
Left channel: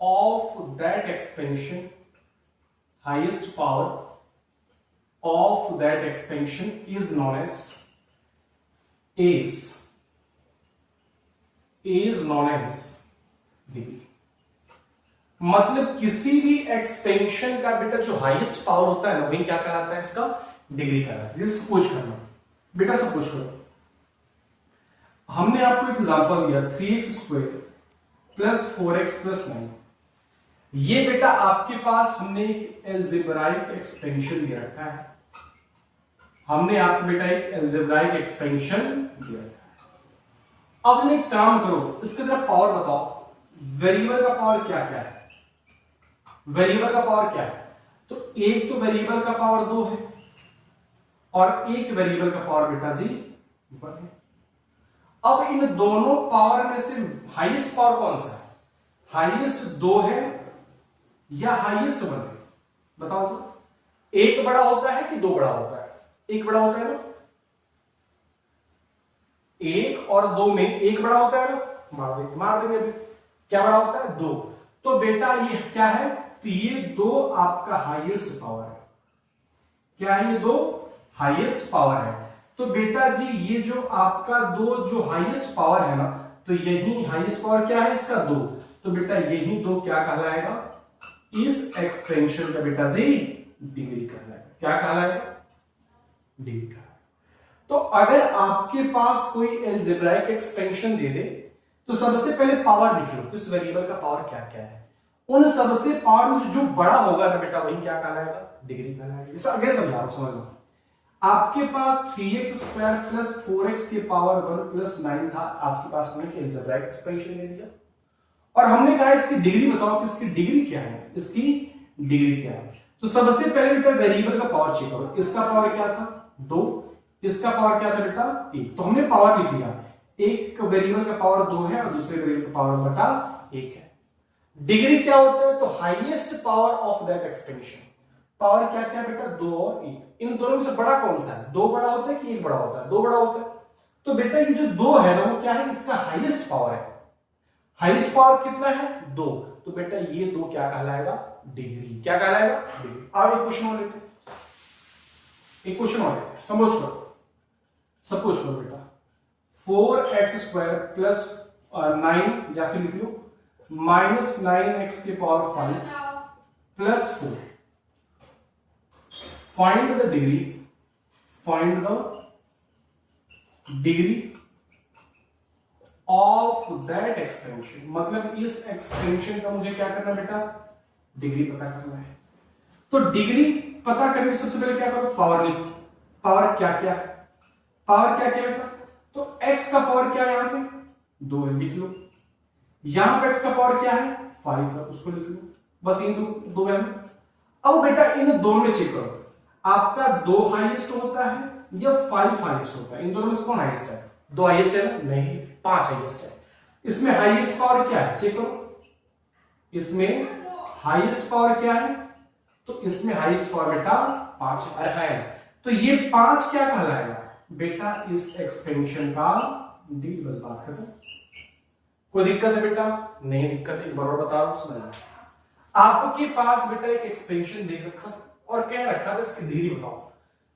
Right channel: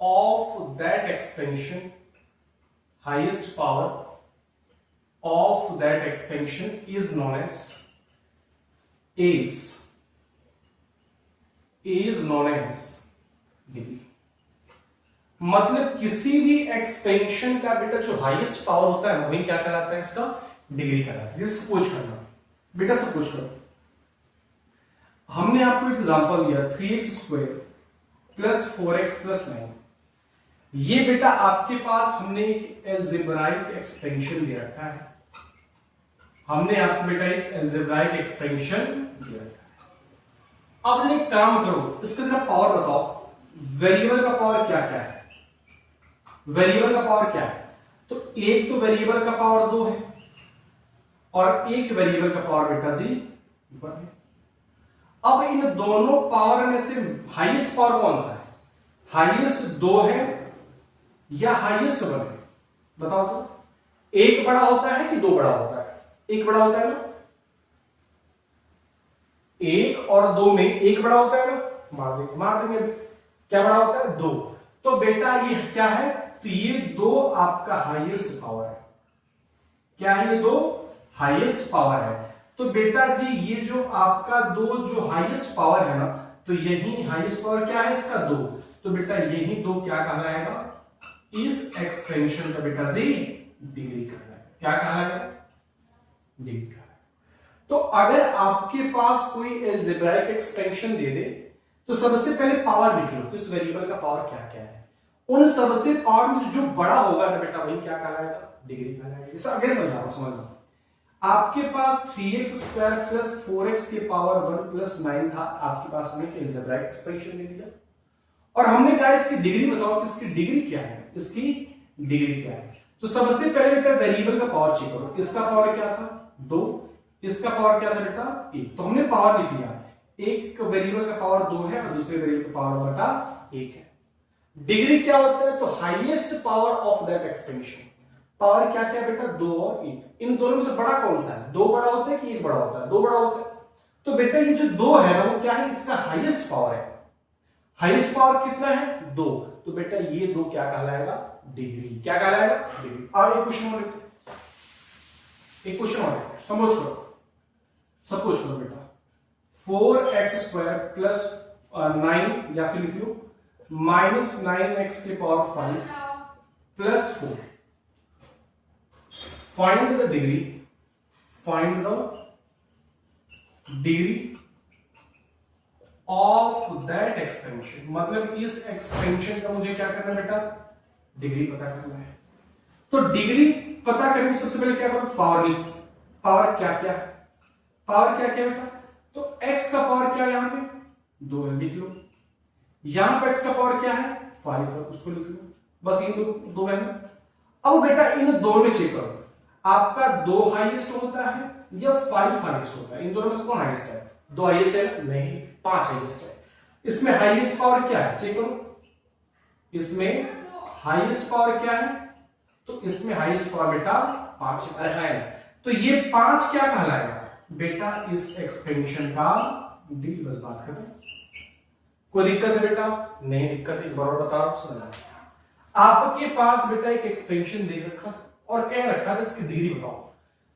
of that expansion, highest power of that expansion is known as degree. मतलब किसी भी एक्सपेंशन का बेटा जो हाईएस्ट पावर होता है ना, वही क्या कहलाता है, इसका डिग्री कहलाता है। जैसे सपोज करना बेटा, सपोज करो हमने आपको एग्जांपल दिया 3x² प्लस 4x प्लस 9। ये बेटा आपके पास हमने एक एल्जेब्राइक एक्सपेंशन दे रखा है, हमने आपको बेटा एक एल्जेब्राइक एक्सपेंशन दिया है। अब जरा एक काम करो, इसका जरा पावर बताओ, वेरिएबल का पावर क्या क्या है, वेरिएबल का पावर क्या है, तो एक तो वेरिएबल का पावर 2 है और एक वेरिएबल का पावर बेटा जी 1 है। अब इन दोनों पावर में से हाईएस्ट पावर कौन सा है, हाईएस्ट 2 है या हाईएस्ट 1 है, बताओ सर। एक बड़ा होता है कि 2 बड़ा होता है, एक बड़ा होता है ना, 1 और 2 में एक बड़ा होता है ना, मार देंगे अभी। क्या बड़ा होता है, 2। तो बेटा ये क्या है, तो ये 2 आपका हाईएस्ट पावर है। क्या है, ये 2 हाईएस्ट पावर है। तो बेटा जी ये जो आपका 2 जो हाईएस्ट पावर है ना, तो यही हाईएस्ट पावर क्या है इसका 2, तो बेटा यही 2 क्या कहलाएगा, इस एक्सपेंशन का बेटा जी डिग्री कहलाएगा। क्या कहलाएगा, डिग्री कहलाएगा। तो अगर आपके पास कोई एल्जेब्राइक एक्सपेंशन दे दे तो सबसे पहले पावर लिख लो, इस वेरिएबल का पावर क्या क्या है। उन सबसे पावर में जो बड़ा होगा ना बेटा वही क्या कहलाएगा, डिग्री कहलाएगा। इसे आगे समझा रहा, समझ लो। आपके पास 3x² प्लस 4x के पावर 1 प्लस 9 था, आपके पास हमने एल्जेब्राइक एक्सपेंशन दे दिया और हमने कहा इसकी डिग्री बताओ कि इसकी डिग्री क्या है, इसकी डिग्री क्या है। तो सबसे पहले बेटा वेरिएबल का पावर चेक करो, इसका पावर क्या था 2, इसका पावर क्या था बेटा 1, तो हमने पावर लिख लिया। एक वेरिएबल का पावर 2 है और दूसरे वेरिएबल का पावर बेटा 1 है। डिग्री क्या होता है, तो highest power of that expansion. Power क्या क्या बेटा 2 और 1, इन दोनों में से बड़ा कौन सा है, 2 बड़ा होता है कि 1 बड़ा होता है, 2 बड़ा होता है। तो बेटा ये जो 2 है ना वो क्या है, इसका हाईएस्ट पावर है। हाईएस्ट पावर कितना है 2, तो बेटा ये 2 क्या कहलाएगा, डिग्री। क्या कहलाएगा, डिग्री। अब एक क्वेश्चन और लेते हैं, एक क्वेश्चन और लेते हैं, समझ करो। सपोज करो बेटा 4x² प्लस 9 या फिर लिख लो माइनस 9x के power 5 plus 4। Find the degree, find the degree of that expansion. मतलब इस एक्सपेंशन का मुझे क्या करना है बेटा, डिग्री पता करना है। तो डिग्री पता करने सबसे पहले क्या करो, पावर लिख। पावर क्या क्या है, पावर क्या क्या है, तो x का पावर क्या है, यहां पे 2 है, लिख लो। यहां पे x का पावर क्या है 5 है, उसको लिख लो। बस इन 2 है। अब बेटा इन दोनों में चेक करो, आपका 2 हाईएस्ट होता है या 5 हाईएस्ट होता है, इन दोनों में से कौन हाईएस्ट है, 2 हाईएस्ट है नहीं, 5 हाईएस्ट है। इसमें हाईएस्ट पावर क्या है, चेक करो। इसमें हाईएस्ट पावर क्या है, तो इसमें हाईएस्ट पावर बेटा 5 है। तो ये 5 क्या कहलाएगा बेटा, इस एक्सपेंशन का डी। बस बात खत्म। कोई दिक्कत है बेटा? नहीं दिक्कत है, बराबर बता रहा हूं, समझना। आपके पास बेटा एक एक्सपेंशन दे रखा था और कह रखा था इसकी डिग्री बताओ।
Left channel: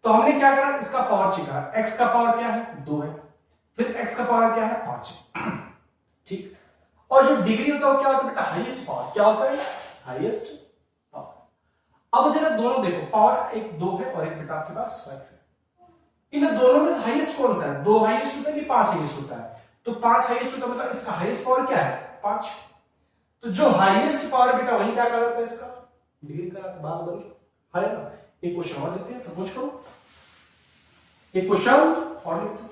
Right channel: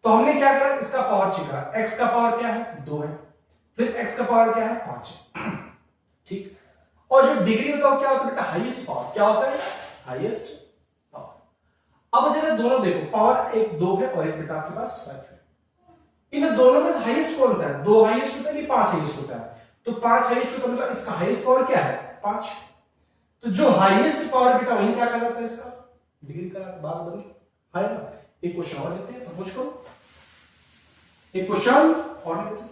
तो हमने क्या करा, इसका पावर चेक करा। एक्स का पावर क्या है? 2 है। फिर एक्स का पावर क्या है? 5 है। ठीक। और जो डिग्री होता है क्या होता है बेटा? Highest power. क्या होता है? Highest power. अब जरा दोनों देखो, पावर एक 2 है और एक बेटा आपके पास 5 है। इन दोनों में से हाईएस्ट कौन सा है? 2 हाईएस्ट होता है कि 5 हाईएस्ट होता है? तो 5 हाईएस्ट होता है, मतलब इसका हाईएस्ट पावर क्या है? 5। तो जो हाईएस्ट पावर बेटा वही क्या कहलाता है? इसका डिग्री कहलाता है। बात बनी है ना? एक क्वेश्चन और लेते हैं, सपोज करो एक क्वेश्चन और लेते हैं।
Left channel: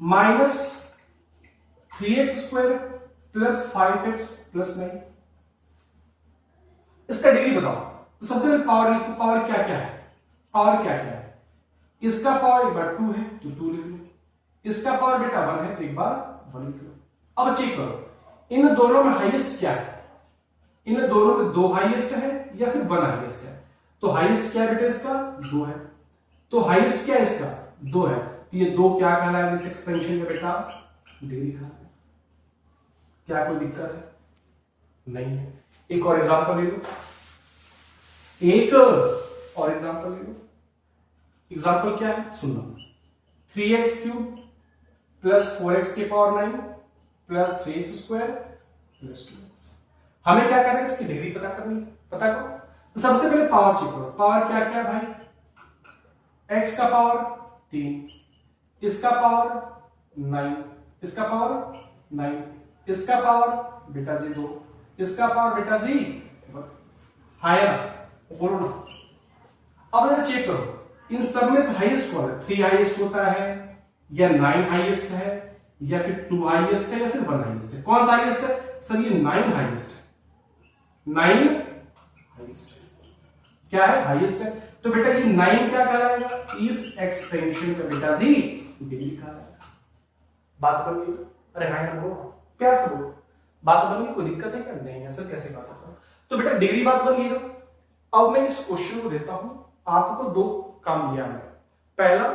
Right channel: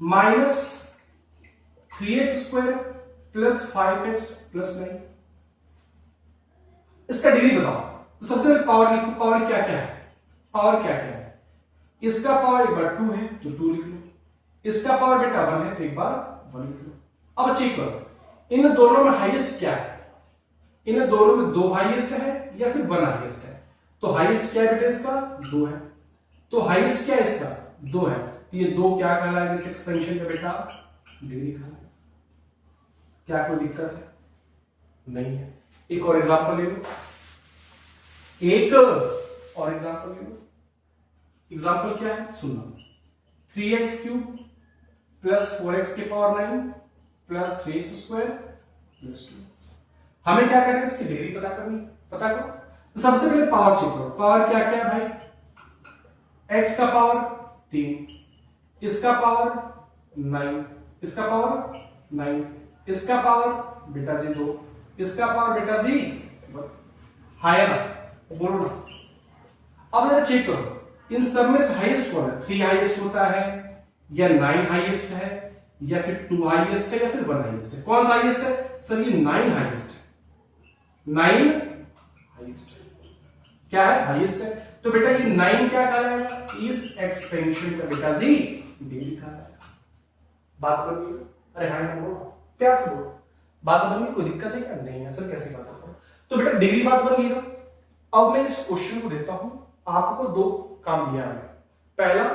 -3x² + 5x + 9, इसका डिग्री बताओ। तो सबसे पहले पावर लिखो। पावर क्या क्या है? पावर क्या क्या है? इसका पावर एक बार 2 है तो 2 लिख लो। इसका पावर बेटा 1 है तो एक बार 1 लिख लो। अब चेक करो इन दोनों में हाईएस्ट क्या है? इन दोनों में 2 हाईएस्ट है या फिर 1 हाईएस्ट है? तो हाईएस्ट क्या है बेटा? इसका 2 है। तो हाईएस्ट क्या है? इसका 2 है। तो ये 2 क्या कहलाएगा इस एक्सपेंशन का बेटा? डिग्री कहलाएगा। क्या कोई दिक्कत है? नहीं। एक और एग्जांपल ले लो, एक और एग्जांपल ले लो। एग्जांपल क्या है सुनना। 3x³ + 4x⁴ + 3x² + 2x। हमें क्या करना है? इसकी डिग्री पता करनी। पता करो। तो सबसे पहले पावर चेक करो। पावर क्या क्या है भाई? x का पावर 3, इसका पावर 9, इसका पावर 9, इसका पावर बेटा जी 2, इसका पावर बेटा जी 1। है ना? बोलो ना। अब जरा चेक करो इन सब में से हाईएस्ट कौन है? 3 हाईएस्ट होता है या 9 हाईएस्ट है या फिर 2 हाईएस्ट है या फिर 1 हाईएस्ट है? कौन सा हाईएस्ट है? सर ये 9 हाईएस्ट है। 9 हाईएस्ट है। क्या है? हाईएस्ट है। तो बेटा ये 9 क्या कहलाएगा? इस एक्सपेंशन का बेटा जी डिग्री कहलाएगा। बात बन गई? अरे हाँ बोलो, प्यार से बोलो। बात बन गई? कोई दिक्कत है क्या? नहीं है सर, कैसी बात है? तो बेटा डिग्री बात बन गई ना। अब मैं इस क्वेश्चन को देता हूं, आपको 2 काम दिया मैंने। पहला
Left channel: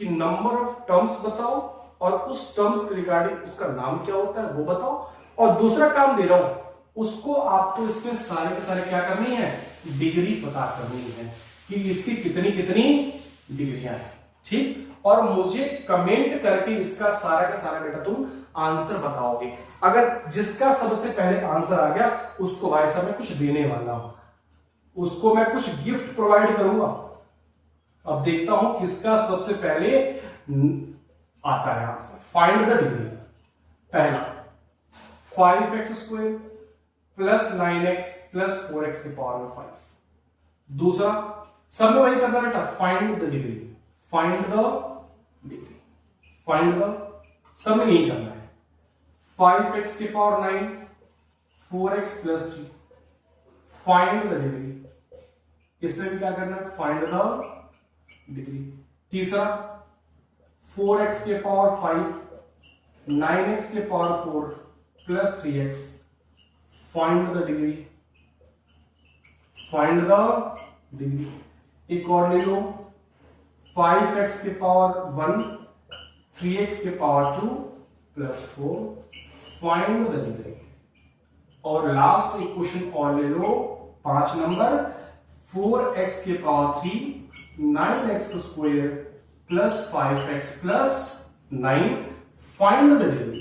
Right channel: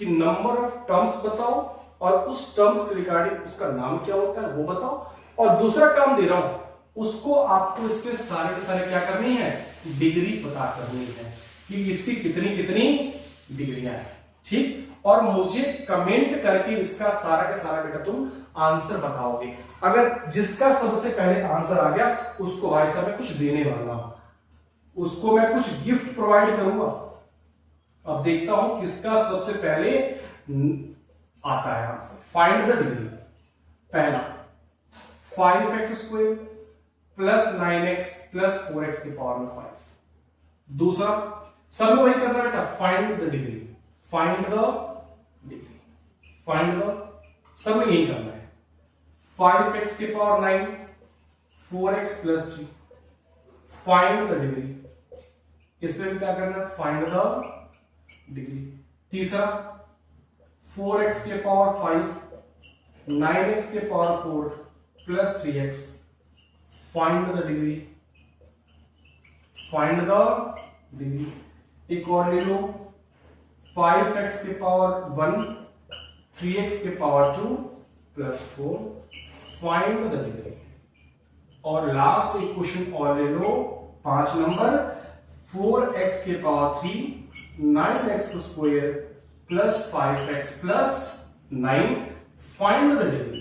कि नंबर ऑफ टर्म्स बताओ और उस टर्म्स के रिगार्डिंग उसका नाम क्या होता है वो बताओ, और दूसरा काम दे रहा हूं उसको आपको इसमें सारे के सारे क्या करनी है? डिग्री पता करनी है कि इसकी कितनी कितनी डिग्रियां हैं। ठीक। और मुझे कमेंट करके इसका सारा का सारा बेटा तुम आंसर बताओगे। अगर जिसका सबसे पहले आंसर आ गया उसको भाई साहब मैं कुछ देने वाला हूं, उसको मैं कुछ गिफ्ट प्रोवाइड करूंगा। अब देखता हूं किसका सबसे पहले आता है आंसर। Find the degree. पहला 5x² + 9x + 4x⁴ 5। दूसरा सब में वही करना बेटा, find the degree. Find the degree, find the, सब में यही करना है। 5x⁹ 4x + 3, find the degree. इससे भी क्या करना है? Find the degree. तीसरा 4x⁵ 9x⁴ + 3x, find the degree. Find the degree. एक और ले लो 5x⁴ 3x⁴ 2 + 4, find the degree. और लास्ट एक क्वेश्चन और ले लो 5 number 4x⁵ 9x² + 5x + 9, find the degree.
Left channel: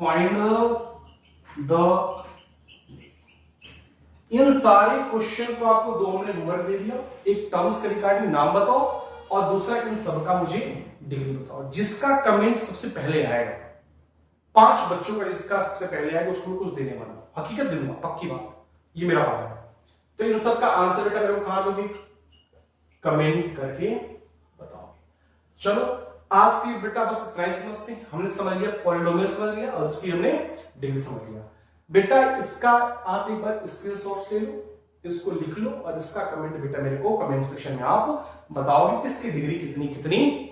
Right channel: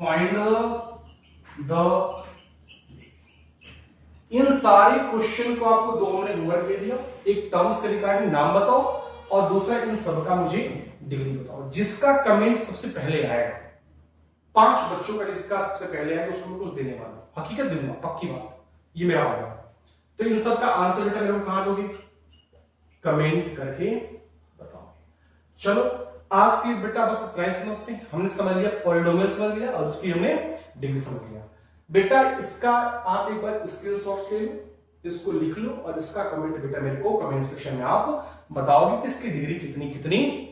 Find the. इन सारे क्वेश्चन को आपको 2 मिनट होमवर्क दे दिया। एक टर्म्स के रिगार्डिंग नाम बताओ और दूसरा इन सब का मुझे डिग्री बताओ। जिसका कमेंट सबसे पहले आएगा, 5 बच्चों का जिसका सबसे पहले आएगा उसको कुछ देने वाला हूं। हकीकत दूंगा, पक्की बात, ये मेरा वादा है। तो इन सब का आंसर बेटा मेरे को कहां दोगे? कमेंट करके बताओ। चलो आज की बेटा बस इतना ही समझते हैं। हमने समझ लिया, पॉलिनोमियल समझ लिया और उसकी हमने डिग्री समझ लिया। बेटा इसका आप एक बार स्क्रीनशॉट ले लो, इसको लिख लो और इसका कमेंट बेटा मेरे को कमेंट सेक्शन में आप बताओगे कि इसकी डिग्री कितनी कितनी।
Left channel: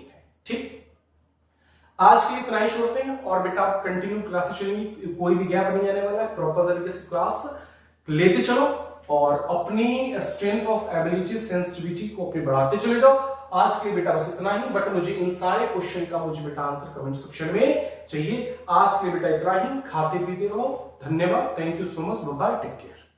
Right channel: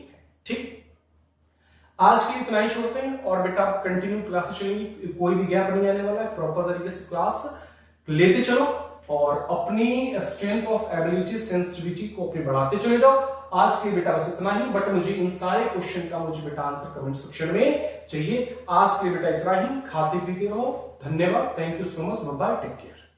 ठीक, आज के लिए इतना ही छोड़ते हैं और बेटा आप कंटिन्यू क्लासेस चलेंगी, कोई भी गैप नहीं आने वाला है। प्रॉपर तरीके से क्लास लेते चलो और अपनी स्ट्रेंथ ऑफ एबिलिटी सेंसिटिविटी को अपनी बढ़ाते चले जाओ आज के लिए बेटा बस इतना ही, बट मुझे इन सारे क्वेश्चन का मुझे बेटा आंसर कमेंट सेक्शन में चाहिए। आज के लिए बेटा इतना ही, खाते पीते रहो। धन्यवाद, thank you so much, bye, take care.